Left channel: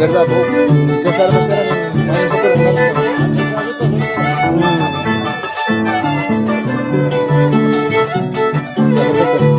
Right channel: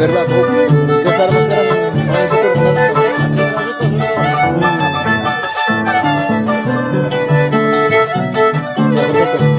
verdad, ya sabemos que eran manis super unas. Ya, perfecto.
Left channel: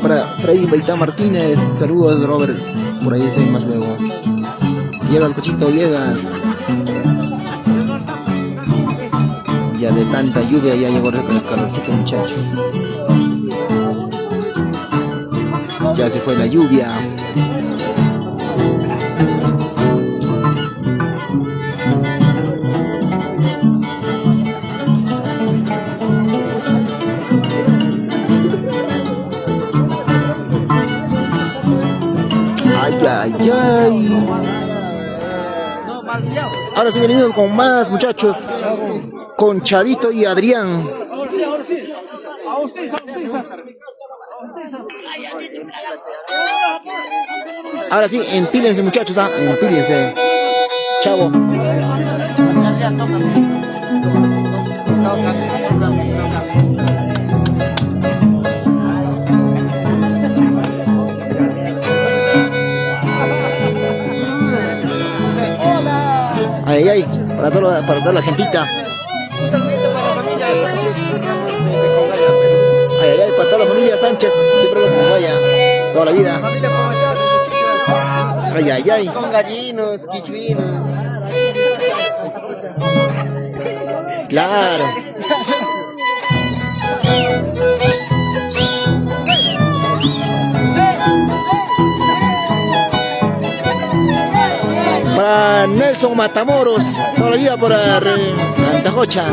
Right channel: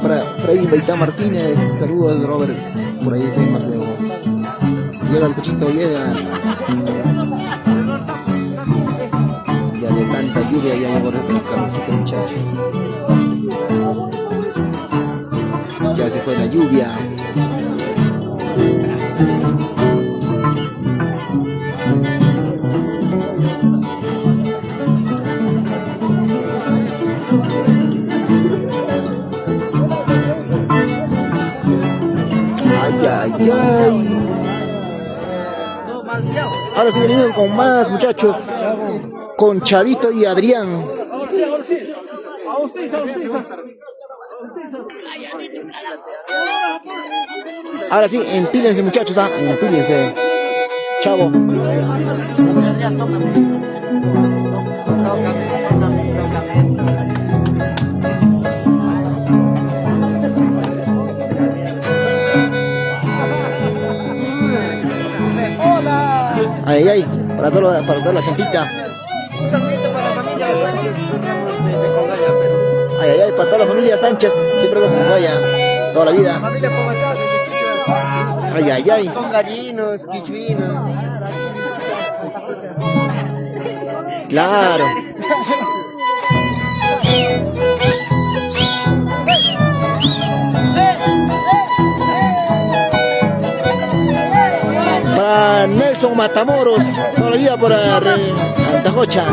Para Freddy Baitán Martínez, saludos Robert, por ahí está más luego. Llega el Cochito Villegas. Ya de tanta lluvia ya llegó el calorcito, muchachos. Ya se fue la lluvia. Ay, ay, ay. Ahora sí venimos con más, muchachos. Con Chavito y Adrián. Ahora sí, empílense, muchachos, empílense. Chavo. Ay, ay, para toda la gentita. Un saludito para la familia Sánchez Ramos de Congaya, Perú. Ay, ay, ay, para toda la familia Sánchez, siempre con Congaya, toda la vida. La familia Pomachá desde Quichuas. Ay, ay, ay. Con gallinos, quichuinos. Claro. Para Nelson Matamoros, toda la vida para Antajocha.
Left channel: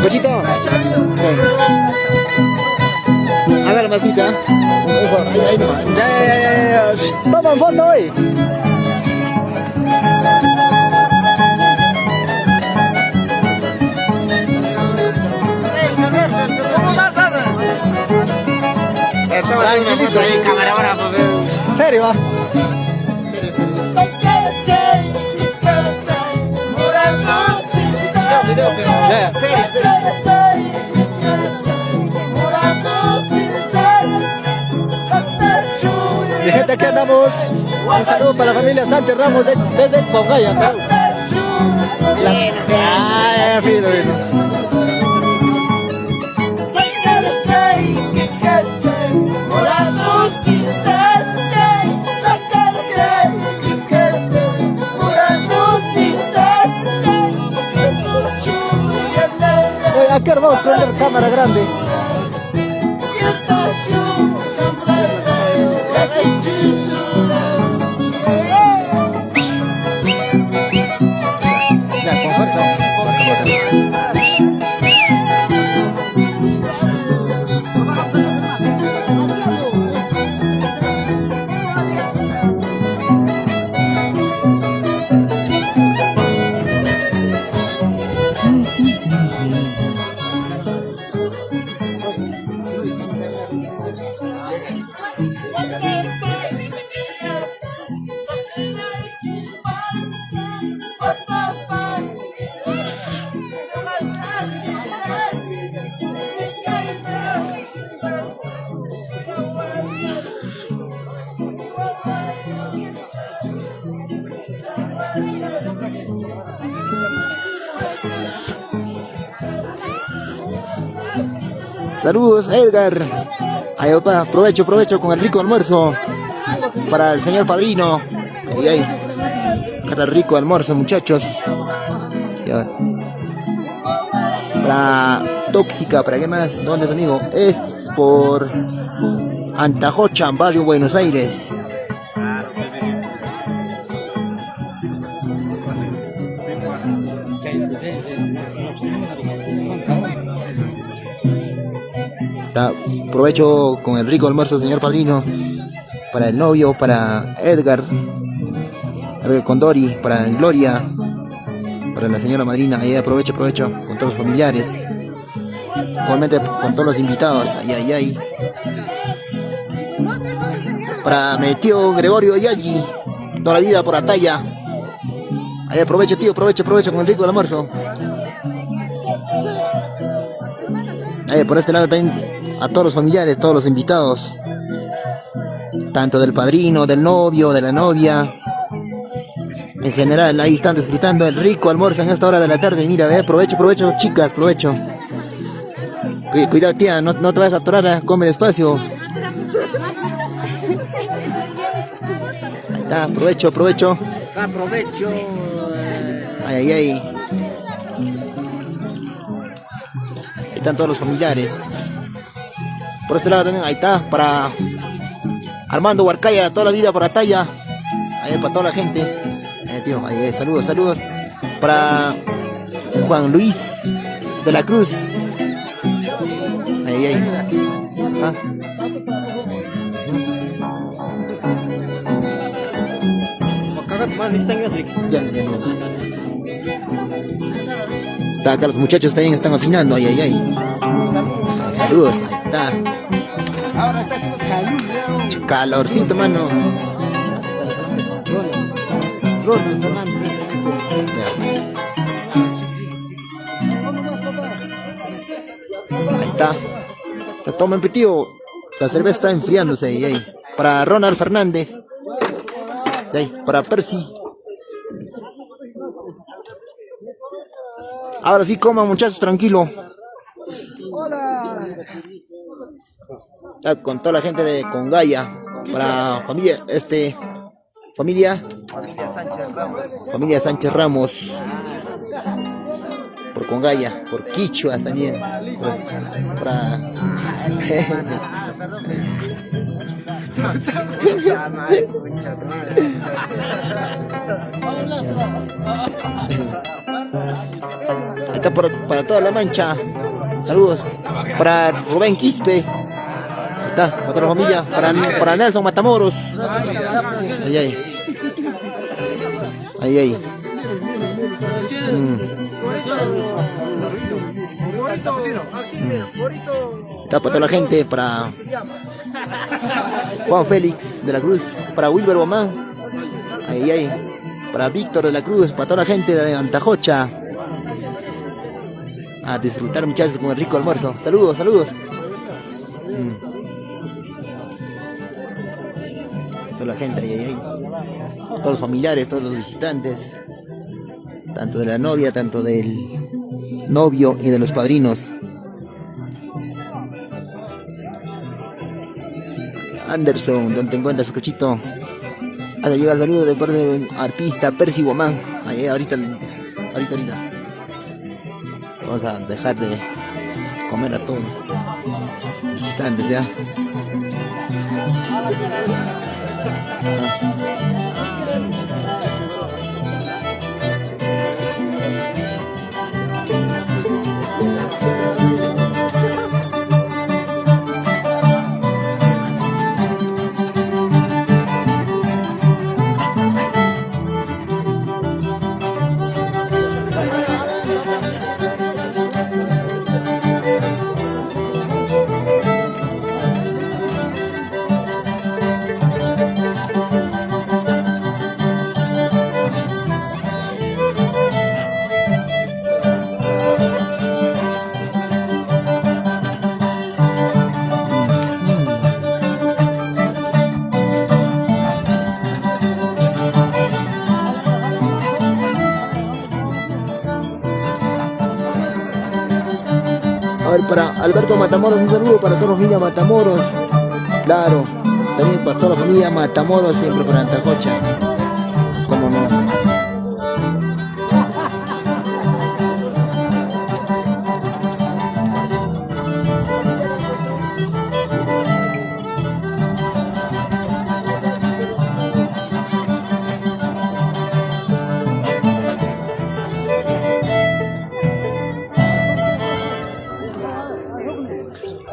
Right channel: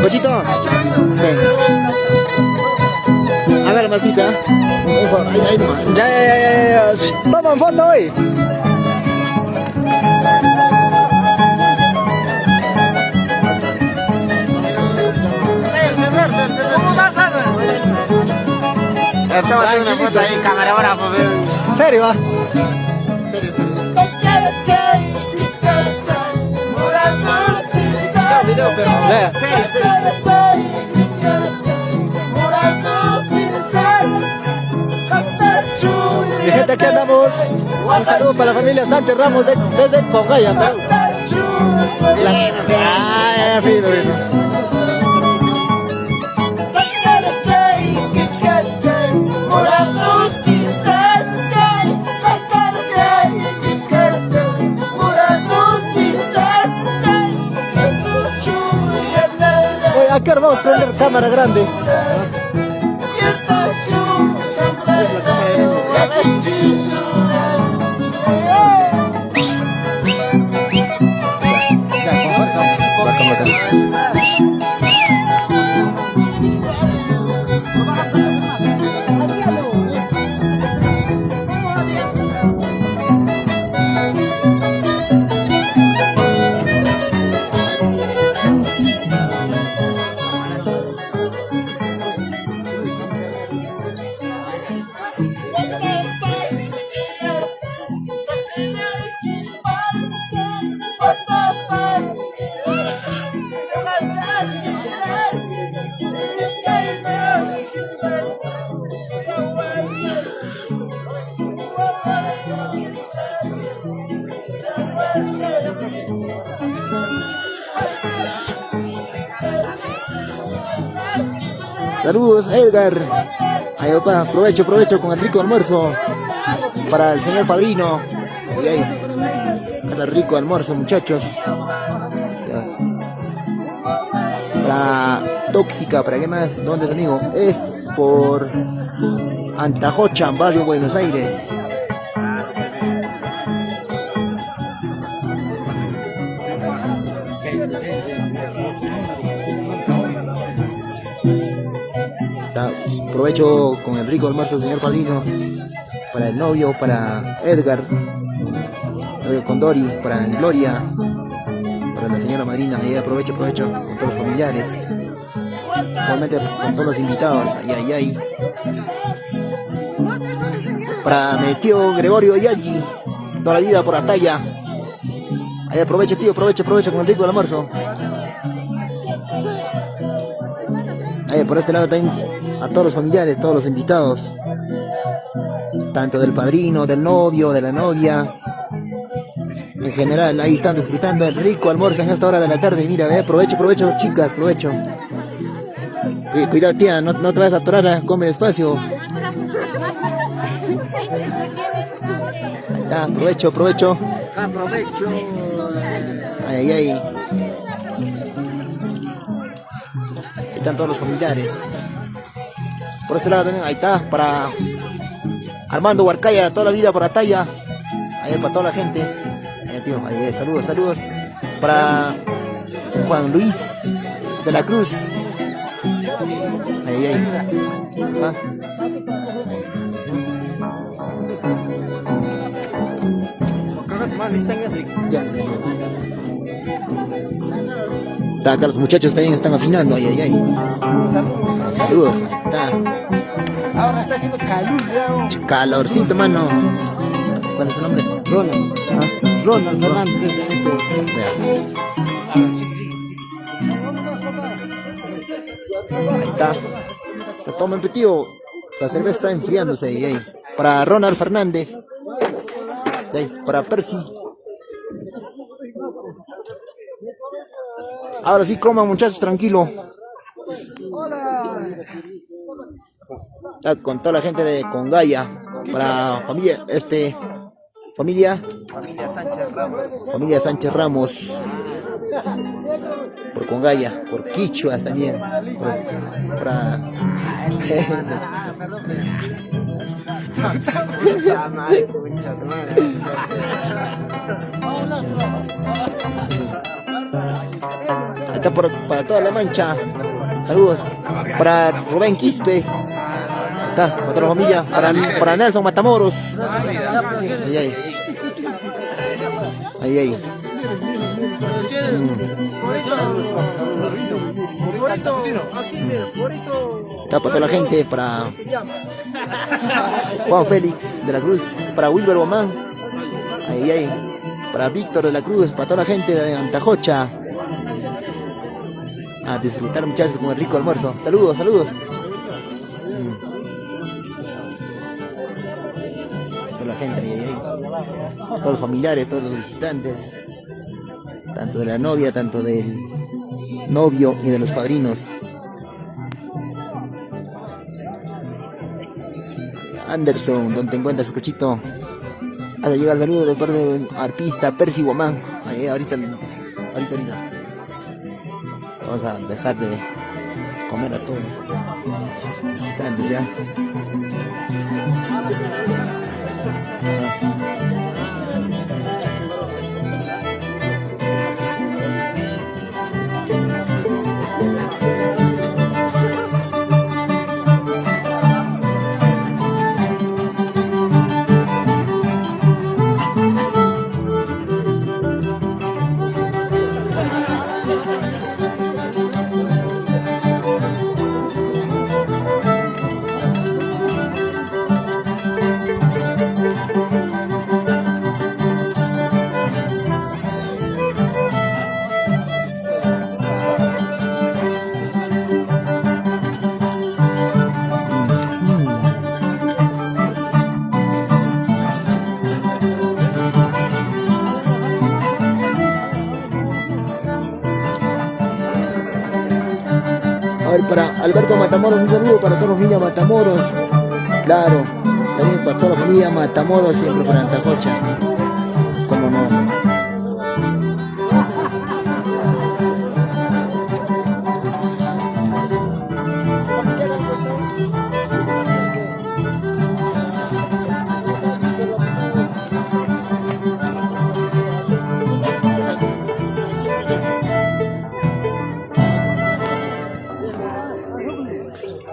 Cochito, ven. Hágale más pica. Ahí nomás. Ya. Toman foto hoy. Tranquilito. ¿Serio va? Mi gente, aquí andamos. Un saludo para la familia Sánchez Ramos desde Congaya, Perú. Fino, fino. Aquí vamos a prender cámara grande. Ya, con fuerza. Saludos, Edgar. Ahí, papá, provecho con el rico almuerzo para el señor padrino. Para el rico almuerzo, muchachos. Ya. Para Tóxica, ¿para qué más? ¿Dónde es, amigo? Es por Antajocha, barrio Buenos Aires. Ya, provecho con el rico almuerzo, señor padrino, para el novio, para Edgar, con Dori, para Gloria, para la señora madrina. Ahí provecho con todos los familiares, igualmente con todos los invitados. Ay, ay, ay. Para mi tío Gregorio Yagi, toda la vida por Ataya. Ahí aprovecho, tío, aprovecho con el rico del almuerzo. Ahí por este lado también a todos los familiares, todos los invitados. Tanto del padrino, del novio, de la novia. En general, ahí están disfrutando el rico almuerzo en esta hora de la tarde. Mira, provecho, chicas, provecho. Cuidado, tía, no te vayas a atorar, come despacio. Ahí está, provecho. Aprovecho. Ay. Ahí están todos los familiares. Por este lado también, ahí está, para Armando Huarcaya, toda la vida por Ataya. Ahí para toda la gente. Tío, ahí, saludos. Para Juan Luis de la Cruz. Ahí. ¿Ah? Ya. Está acá, los muchachos también están afinando. Ahí. Saludos. Está. Ahora está haciendo calor. Calorcito, mano. ¿Cuál es el nombre? Ronald Fernández. Ahí está. Se tomen, tío. La cerveza está enfriándose. Ahí. Para Ronald Fernández. Ahí. Para Percy. Ahora sí coman, muchachos, tranquilo. Hola. Está con toda la gente de Congaya. Para familia Sánchez Ramos. Por Congaya, por Quichuas también. Para está para toda la Mancha. Saludos para Rubén Quispe. Está para toda la familia. Para Nelson Matamoros. Ahí. Está para toda la gente. Para Juan Félix de la Cruz. Para Wilber Bomán. Ahí. Para Víctor de la Cruz. Para toda la gente de Antajocha. A disfrutar, muchachos, con el rico almuerzo. Saludos. Toda la gente ahí. Todos los familiares, todos los visitantes. Tanto de la novia, tanto del novio y de los padrinos. Anderson, donde te encuentras, cochito. Hasta llega el saludo de parte del arpista Percy Guamán. Ahí, ahorita. Vamos a dejar de comer a todos los visitantes ya. Para Alberto Matamoros, un saludo para toda la familia Matamoros. Claro, también para toda la familia Matamoros, siempre para Antajocha. Cómo no.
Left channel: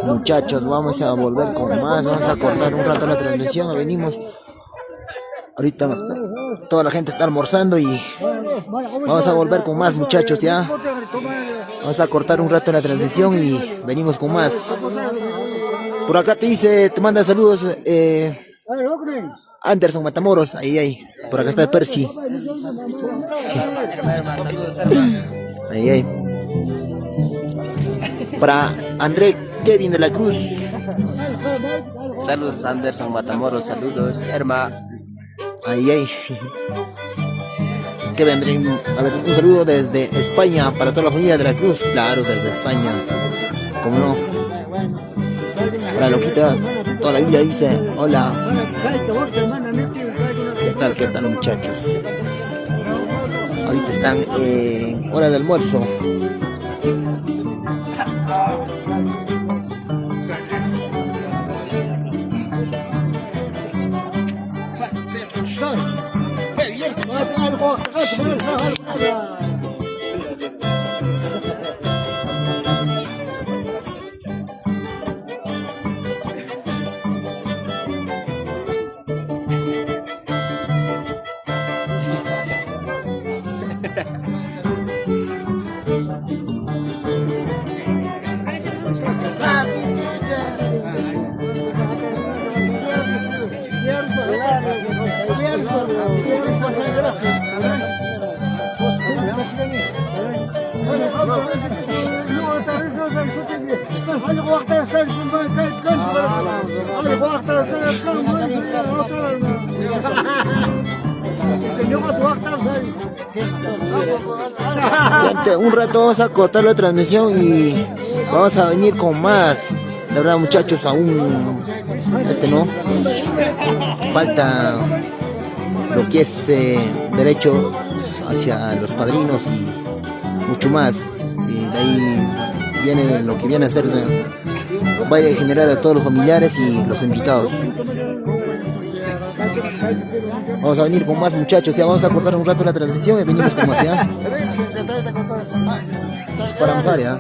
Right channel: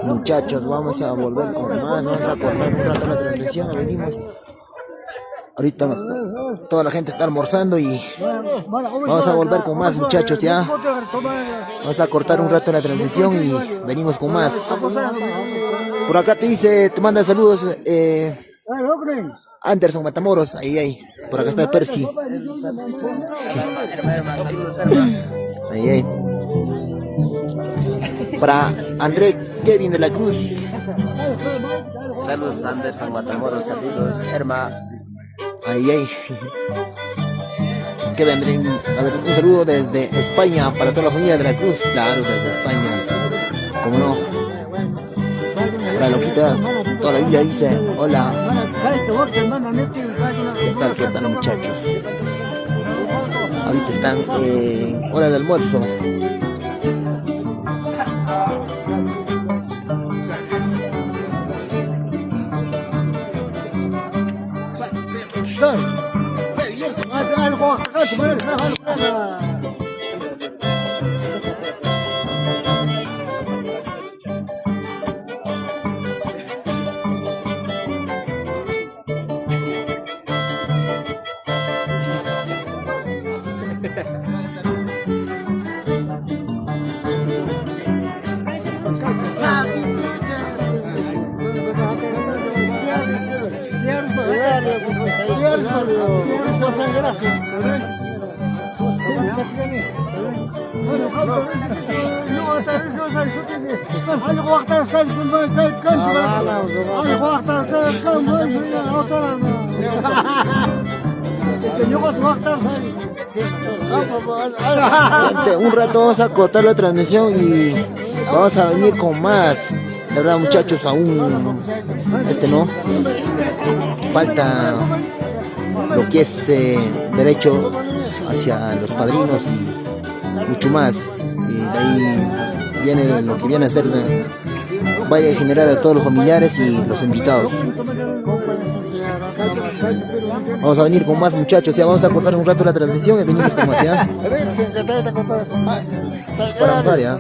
Muchachos, vamos a volver con más. Vamos a cortar un rato la transmisión. Venimos. Ahorita toda la gente está almorzando y vamos a volver con más, muchachos, ya. Vamos a cortar un rato la transmisión y venimos con más. Por acá te dice, te manda saludos Anderson Matamoros, ahí. Por acá está Percy. Ahí. Para André Kevin de la Cruz. Saludos Anderson Matamoros, saludos Herma. Ahí. Que vendré, a ver, un saludo desde España para toda la familia de la Cruz. Claro, desde España. ¿Cómo no? Para Loquita, toda la vida dice, hola. ¿Qué tal muchachos? Ahorita están en hora de almuerzo. Gente, un rato vamos a cortar la transmisión y vamos a venir con más. La verdad muchachos, aún no falta lo que es derechos hacia los padrinos y mucho más, y de ahí viene lo que viene a ser baile general a todos los familiares y los invitados. Vamos a venir con más muchachos, ya vamos a cortar un rato la transmisión y venimos con más, ya. Para avanzar, ya.